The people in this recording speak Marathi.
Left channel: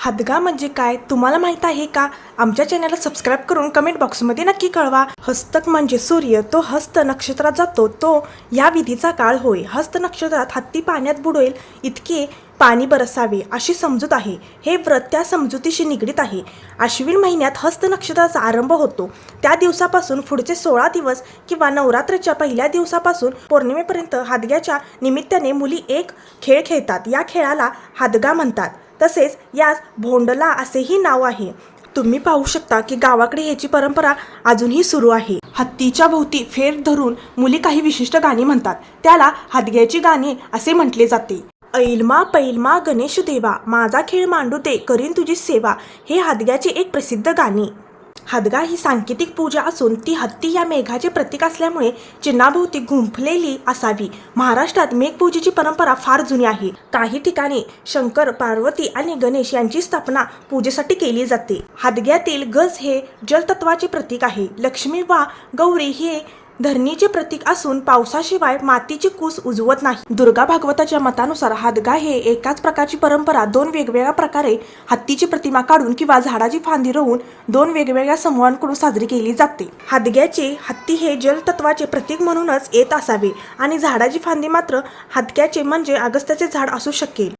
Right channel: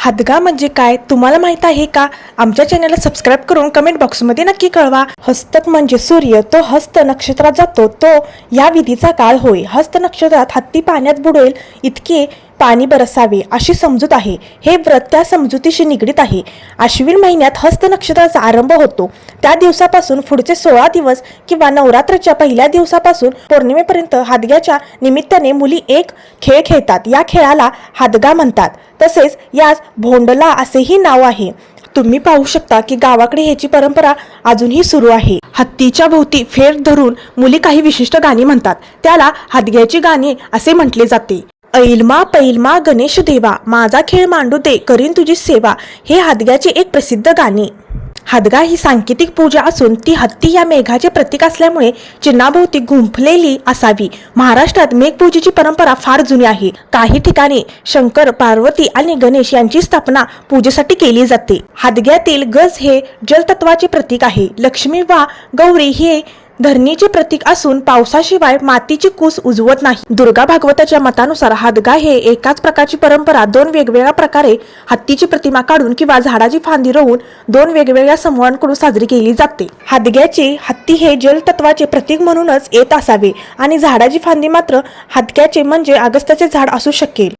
हादगा म्हणजे काय? तुम्हाला माहीत आहे का? आमच्या चॅनलला सबस्क्राईब करून कमेंट बॉक्समध्ये नक्की कळवा. हस्तक म्हणजे सूर्य तो हस्त नक्षत्रात जातो. तो या विधीचा काळ होय. हस्त नक्षत्रात हत्ती पाण्यात बुडेल इतके पाणी बरसावे अशी समजूत आहे. हे व्रत त्या समजुतीशी निगडीत आहे. आश्विन महिन्यात हस्त नक्षत्राचा आरंभ होतो. त्या दिवसापासून पुढचे सोळा दिवस किंवा नवरात्रच्या पहिल्या दिवसापासून पौर्णिमेपर्यंत हादग्याच्या निमित्ताने मुली एक खेळ खेळतात. या खेळाला हादगा म्हणतात. तसेच यास भोंडला असेही नाव आहे. तुम्ही पाहू शकता की गावाकडे ह्याची परंपरा अजूनही सुरू आहे. हत्तीच्या भोवती फेर धरून मुली काही विशिष्ट गाणी म्हणतात. त्याला हादग्याची गाणी असे म्हटले जाते. ऐलमा पैलमा गणेश देवा माझा खेळ मांडू दे करीन तुझी सेवा हे हदग्याचे एक प्रसिद्ध गाणे. हादगा ही सांकेतिक पूजा असून ती हत्ती या मेघाचे प्रतीक असल्यामुळे चिन्हाभोवती गुंफलेली असावी. महाराष्ट्रात मेघपूजेची परंपरा फार जुनी आहे. काही ठिकाणी शंकर पार्वती आणि गणेश यांची स्थापना पूजेसाठी केली जाते. हादग्यातील गज हे जलतत्वाचे प्रतीक आहे. लक्ष्मी वा गौरी हे धरणीचे प्रतीक असून पावसाशिवाय मातीची कूस उजवत नाही. दुर्गा भागवताच्या मतानुसार हादगा हे एकाच प्रकारची परंपरा दोन वेगवेगळ्या प्रकारे हत्तीची प्रतिमा काढून किंवा झाडाची फांदी रोवून दोन वेगवेगळ्या समूहांकडून साजरी केली जाते. हादग्याचे हत्ती हे जलतत्वाचे प्रतीक म्हणूनच येत असावे आणि झाडाची फांदी मात्र हादग्याचे म्हणजे अगस्त्याचे झाड असू शकेल.